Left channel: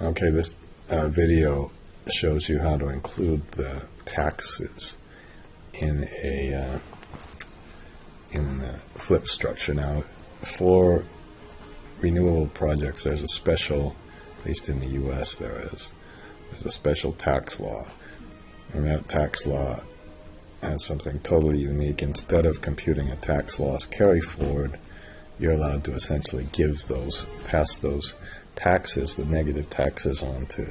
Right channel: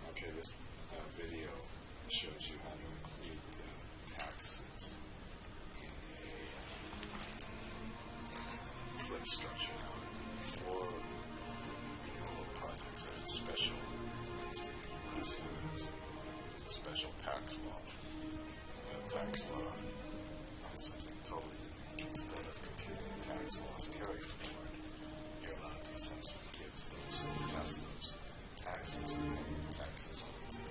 Okay, this video shows you how to include the taxes in the flip structure. Now, for renewable projects, there's a special, at least in the U.S. there's a special tax law, and that tax law has something totally unique. Instead of computing a tax loss carry forward, you're allowed to essentially pass those taxes, the negative taxes, on to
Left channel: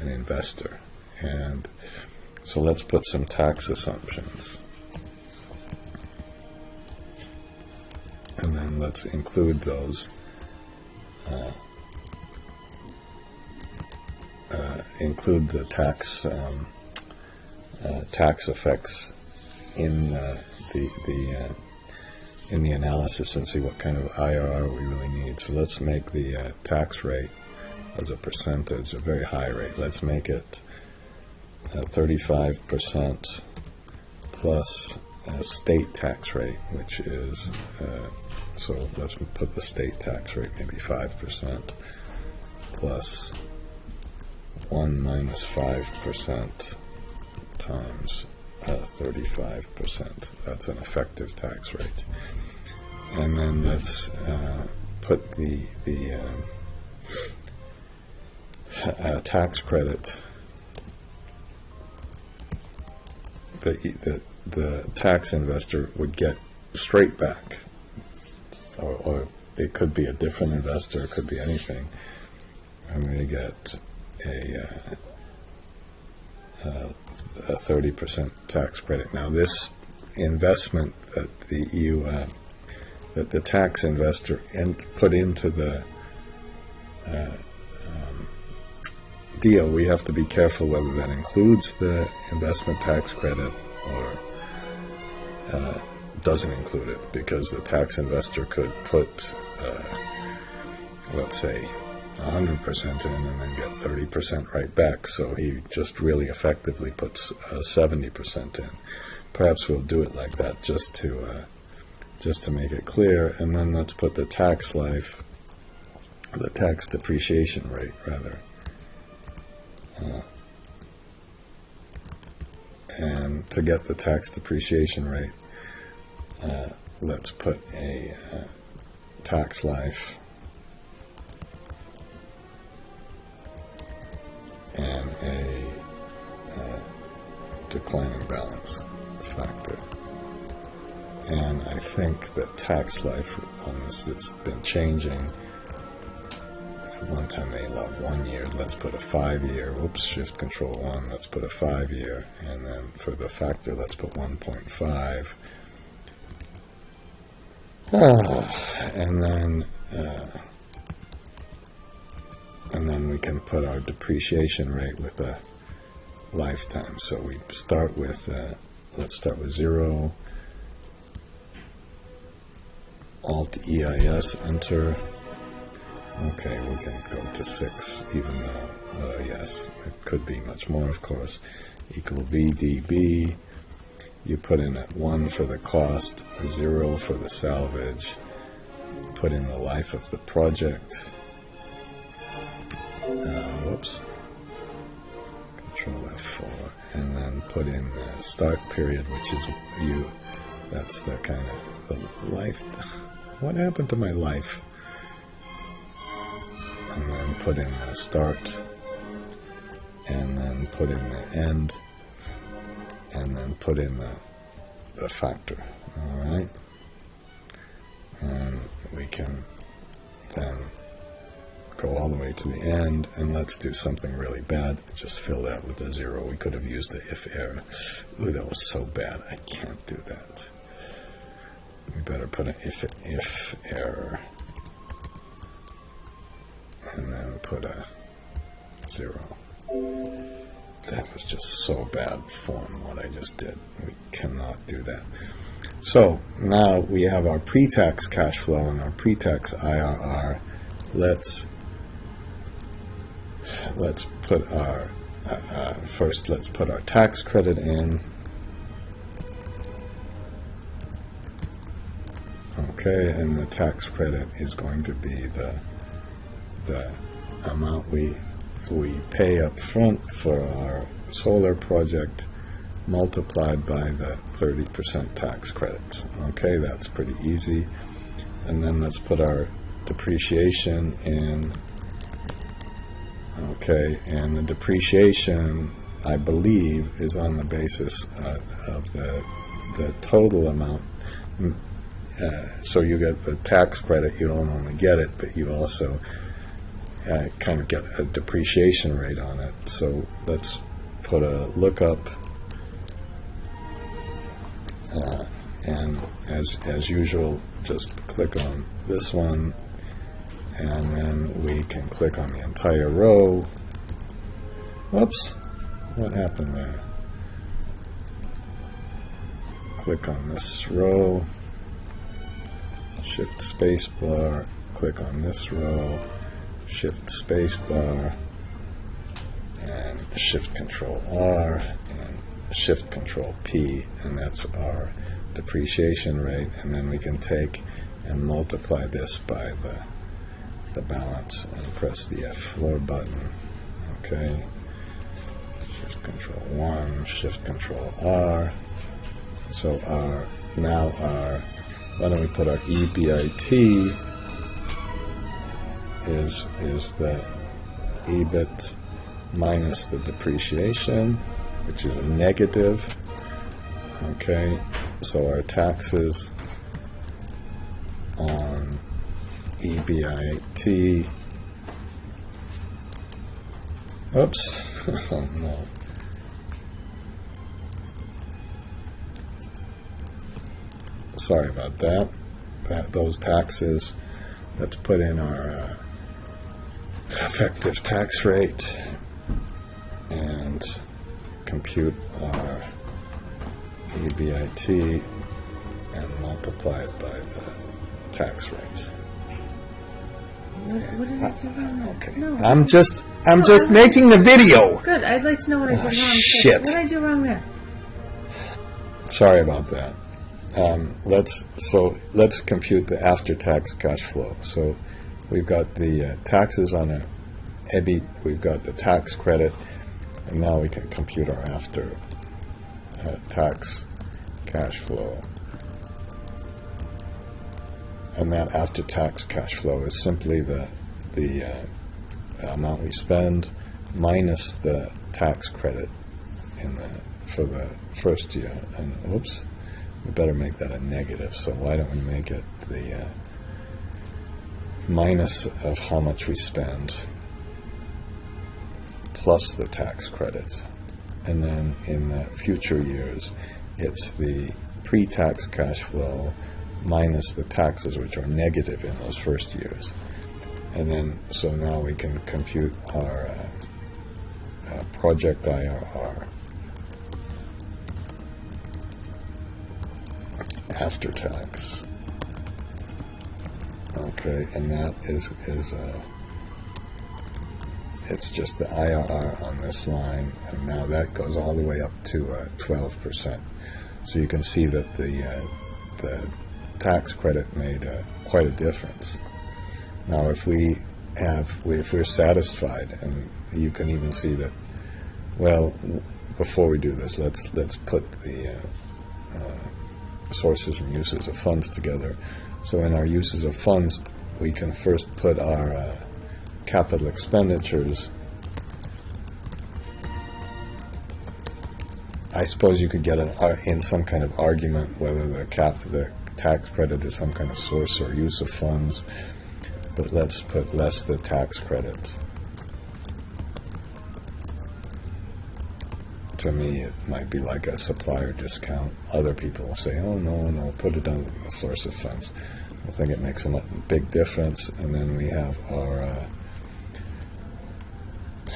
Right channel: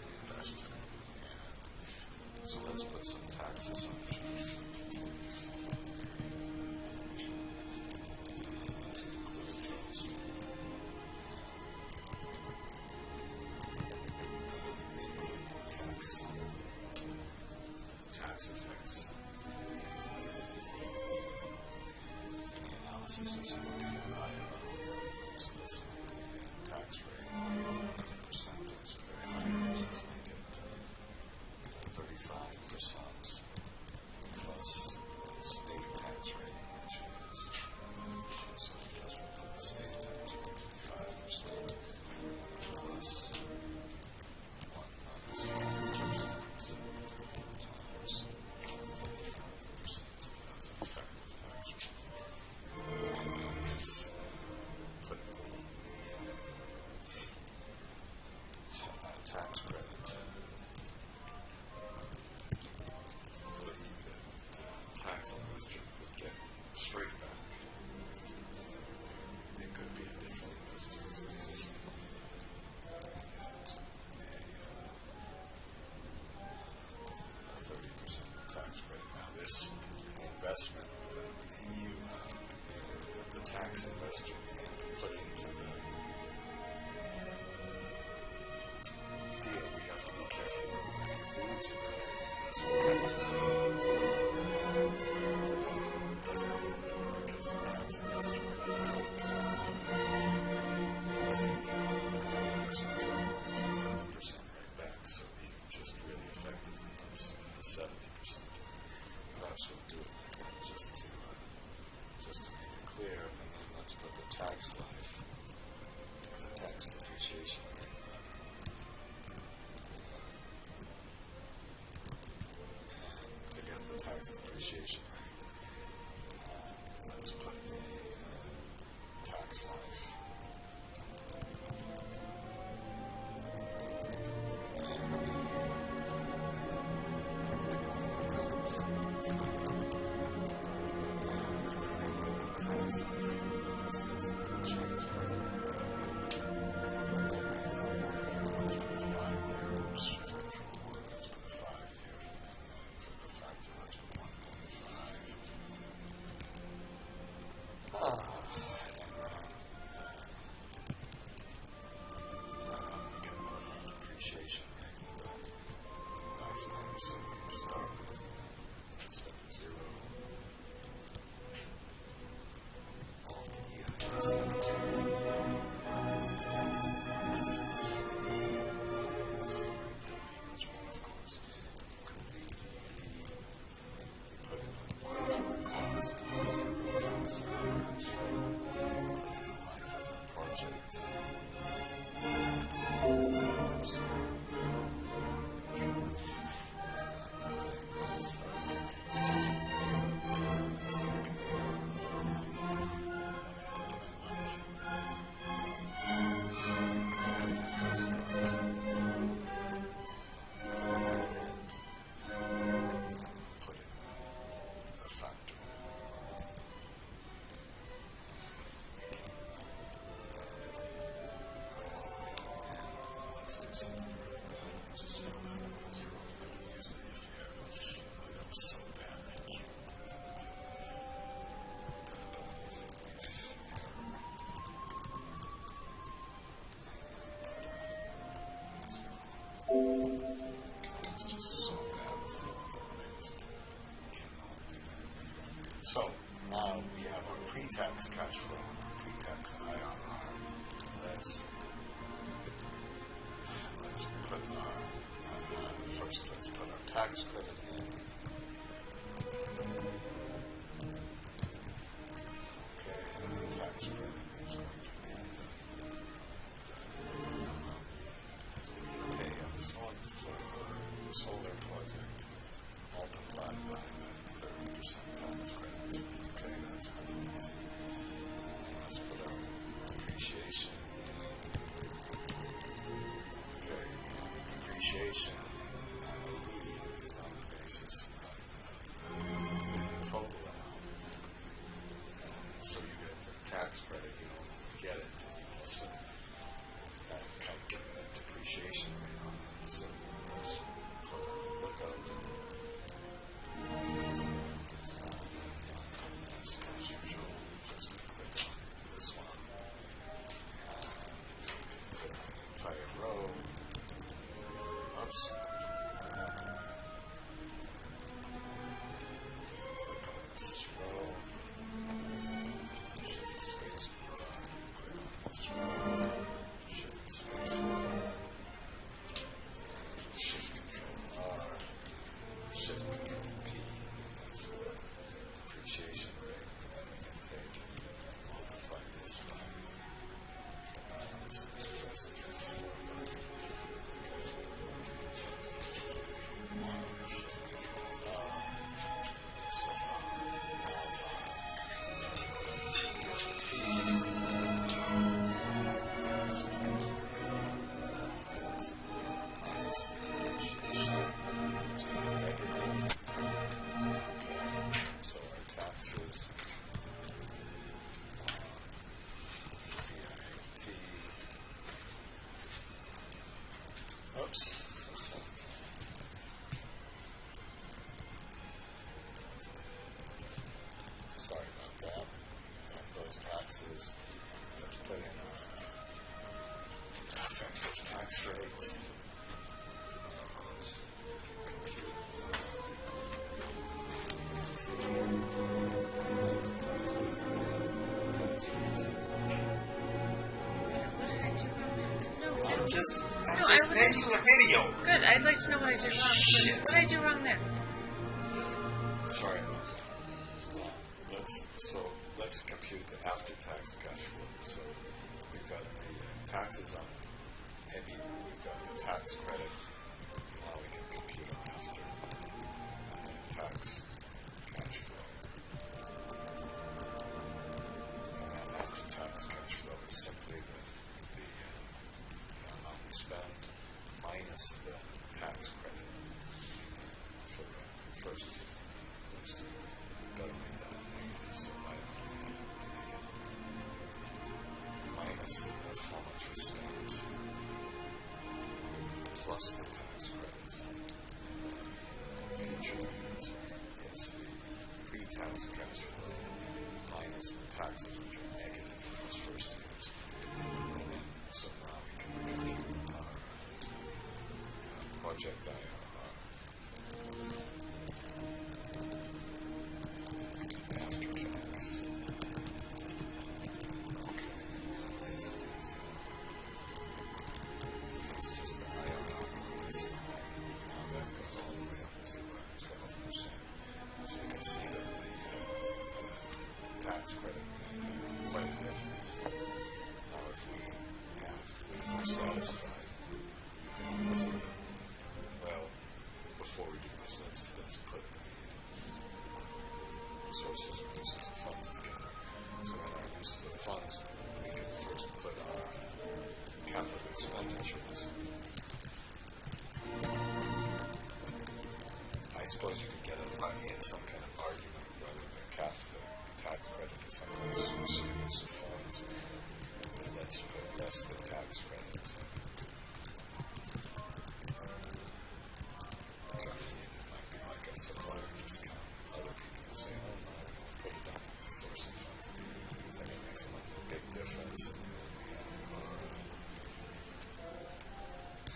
an investor. And so let's put some tax assumptions. And then let's include those, include the tax effects in the analysis and see what kind of IRR we really need. So let's make the tax rate as a percentage a very high rate. Let's make it 35% plus a state tax rate, which is, so let's put the state tax rate maybe 5% plus 1 minus 5% times 35%. That's an effective tax rate. And then let's put the tax credit, the tax investor would get straight back, or it could be a different investor, it could be anything. I'm going to get a 30% tax credit. Now, this investment that that the tax investor put into the deal, we have to be careful whether that includes the investment tax credit or doesn't include it, because the tax investor could put, let's say, 100% in and then get 30% right back, so he just really effectively puts 70% in. Perhaps we'll do it like that just to make it clear. And then let's put the tax life, the tax depreciation rate rather, and to get the tax depreciation rate, let's put a tax life and a declining balance factor. And I think the tax life on this has been changing. At one time they allowed 1 year. Let's put a 5-year. Whoops, shift control 1. Let's put a 5-year. And then for the factor, let's put 1.5. And then we can put our depreciation rate with a lifetime. So we start with, let's start with 0. Alt EIS, enter. Okay, we can go to 6, even though, yes, it could be much more, of course. Equal VDB. You put in at 1 for the cost, 0 for the salvage. Put in the life of the project. Whoops. Control F4. And then put in the start period, which is that's the kind of the life. What happened to my life? And then put in the start, and then put in the end, and then put in the factor. Alright? And we can then go all the way to the end, and let's do something really bad. Just fill that with a 0. We could have used the if error. Ooh, that was so bad. I can't do that. We better put an if error, and then put a 0. That was just so bad form, what I just did. We cannot do that. So now we have our pre-tax cash flow and our pre-tax IRR. Let's put our first. Let's put our tax credit in. Okay, and the tax credit is going to be the amount we we pay up front for our solar project multiplied by the 30% tax credit. Okay, that's pretty easy. And then let's put our depreciation in. Okay, and the depreciation, I believe, is on the basis of the total amount. So you get the tax credit, you don't only get it, but you also kind of get a depreciation rate on it. So let's put a lookup, and as usual, just click on this one, and then we can click on the entire row. Whoops, what happened there? Click on this row, shift spacebar, click on this row, shift spacebar, and shift control R, and shift control P, and that's our depreciation rate. And then we can take and multiply this by the balance and press the F4 button. Okay, shift control 1, shift control R. So why don't we put our EBIT is the EBIT minus the depreciation, which is a negative. Okay, so our taxes on EBIT, oops, oh no. Sorry about that. Those taxes, let's put in our effective tax rate and compute our EBIT and multiply it by the tax rate. What did I do wrong? Okay. No. I'm just making the video. Good. I'd like to know what I did wrong. Shit. What did I do wrong there? Sorry about that. Let's compute the after-tax cash flow. So we've got the taxes on an EBIT, we've got the tax credit, and now we can compute our after-tax cash flow. And that after-tax cash flow is simply the amount we spend minus the tax credit for the first year. And whoops. We better make that a negative, so why don't we make it the minus of how much we spend plus the tax credit. And then in the future years, it's the pre-tax cash flow minus the taxes, which are negative in those first years. And then, so now we can compute our project IRR. After tax. Okay, and that is it's just the IRR on this line, and now that goes all the way up to 12%. So you can see that the tax credit made quite a difference. Now, if we're satisfied, and you can even see that. Well, before we do this, let's put the sources and uses of funds together. So in our uses of funds, we can first put our capital expenditures. I suppose you could get in some kind of argument whether the tax credit is some kind of source or use of funds, but let's put less the tax credit. To me, it might be like a supplier discount. Other people will say, oh, no, put it on the source of funds. I think it makes a big difference. And then we have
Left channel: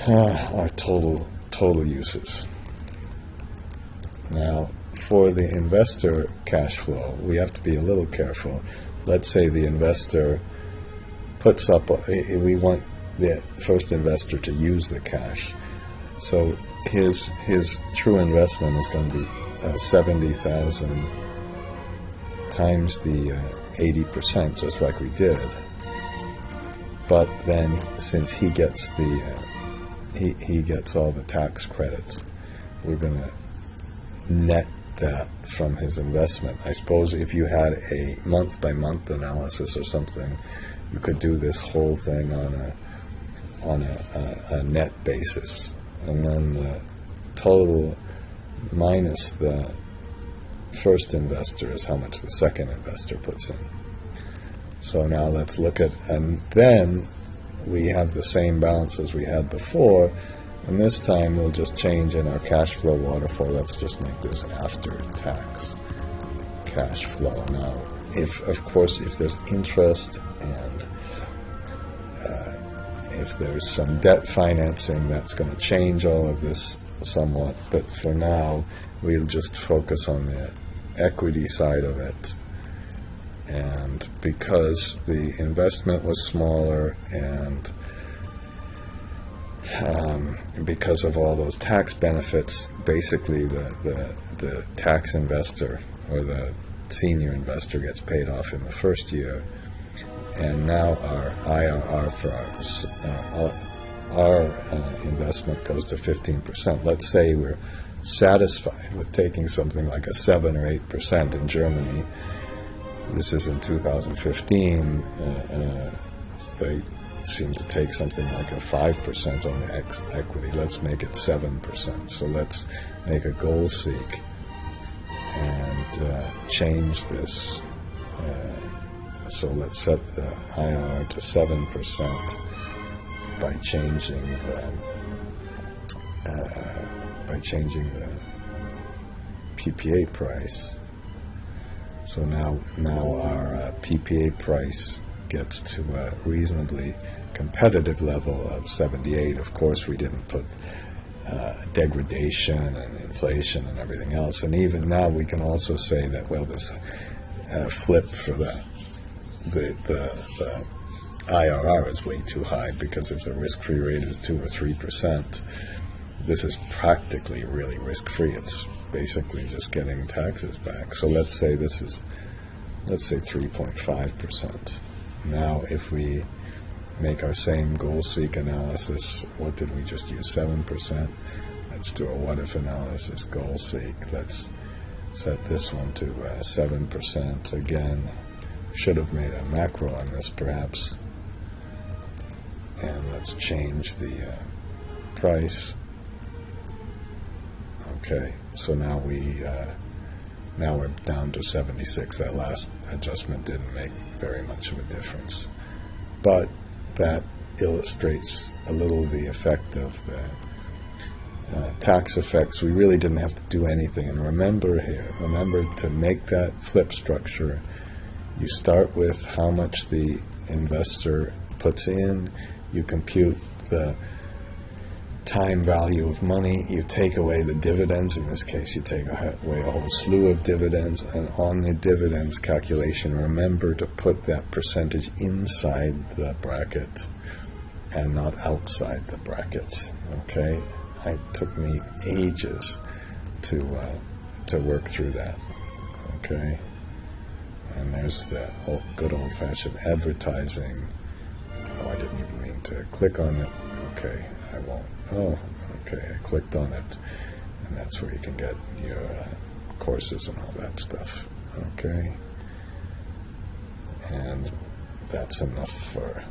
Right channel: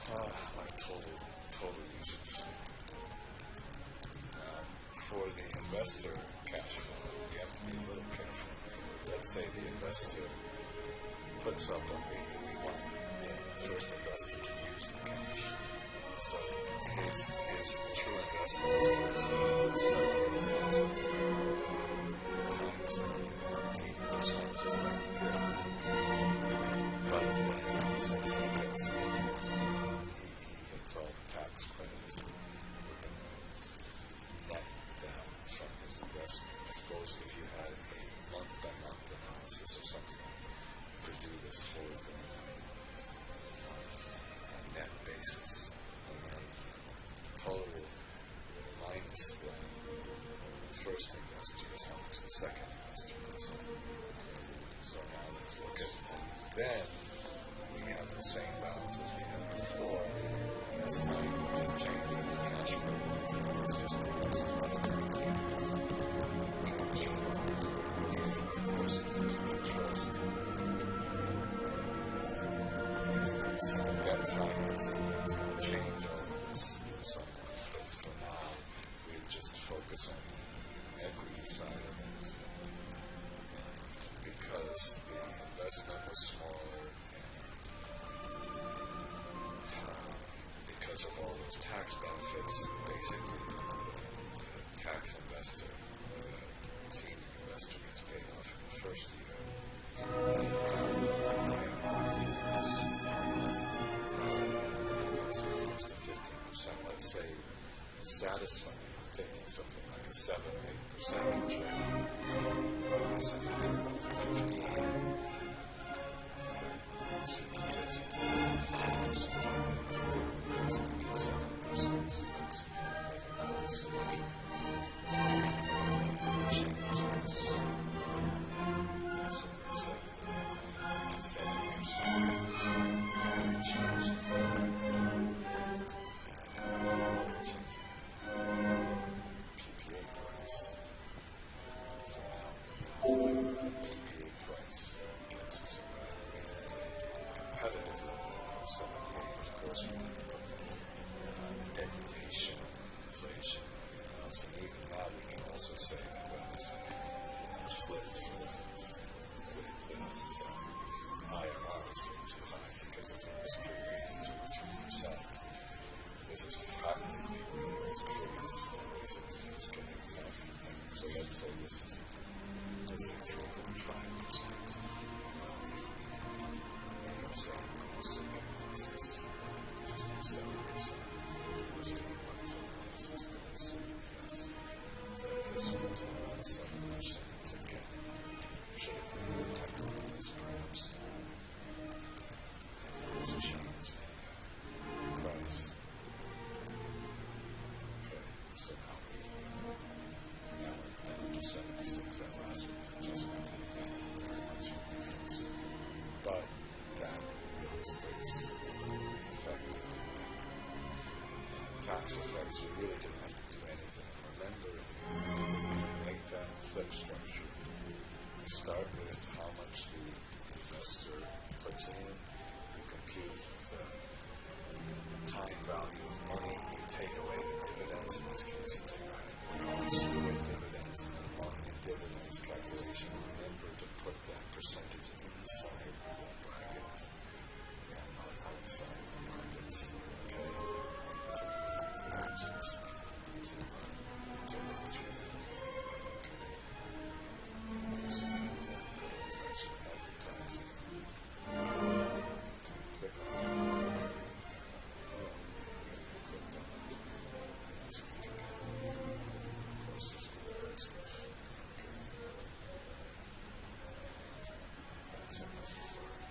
our total uses. Now, for the investor cash flow, we have to be a little careful. Let's say the investor puts up, we want the first investor to use the cash. So his true investment is going to be 70,000 times the 80%, just like we did. But then, since he gets the he gets all the tax credits. We're going to net that from his investment. I suppose if you had a month-by-month analysis or something, you could do this whole thing on a net basis, and then the total minus the first investor is how much the second investor puts in. So now let's look at, and then we have the same balance as we had before, and this time we'll just change in our cash flow waterfall. Let's just make this after tax cash flow. Now, if there's interest and if there's some debt financing, that's going to change all of this somewhat, but for now we'll just focus on the equity side of it. And because the investment was smaller and because of all those tax benefits, basically the tax investor or the senior investor gets paid off in the first year, and now our IRR for our investment goes to 15%. Let's say we're satisfied with taking something like a 7 or 8% in Germany. This is in 2015. They seem to take something like a 5% on the equity. Let's make it 7%. So let's make a goal seek and change this. So let's set the IRR to 7% by changing the PPA price. So now our PPA price gets to a reasonably competitive level of 78. Of course, we didn't put degradation and inflation and everything else. And even now, we can also say that, well, this flip for the IRR is way too high, because if the risk-free rate is 2 or 3%, this is practically really risk-free. It's basically just getting taxes back. So let's say 3.5%. Now, if we make our same goal seek analysis, what did we just use? 7%. Let's do a what if analysis. Goal seek. Let's set this one to 7% again. Should have made a macro on this, perhaps. And let's change the price. Okay, so now we're down to 76. That last adjustment didn't make very much of a difference, but that illustrates a little the effect of the tax effects. We really didn't have to do anything. And remember to make that flip structure, you start with how much the investor puts in, you compute the time value of money, you take away the dividends. In this case, you take away a whole slew of dividends, and on the dividends calculation, remember to put that percentage inside the bracket and not outside the bracket. Okay, it took me ages to work through that. Okay, and there's the good old-fashioned advertising. Oh, I didn't even mean to click on it. Okay, I won't. Oh, okay, I clicked on it, and that's where you can get your courses and all that stuff. Okay, and that's enough for